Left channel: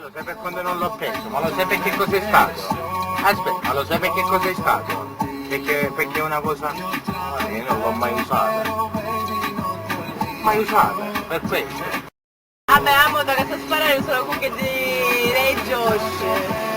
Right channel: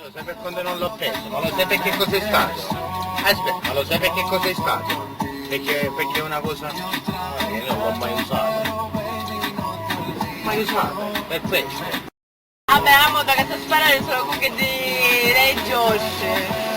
Lo sai per quando non l'ho preso, ma lo sai perché cos'è stato? Aspetta, ma lo sai perché cos'è stato? Perché è una cosa... Guarda, io non l'ho mai usata. Mai usata, per questo. Vabbè, la moto che sta sparando sono comunque di Ray Josh.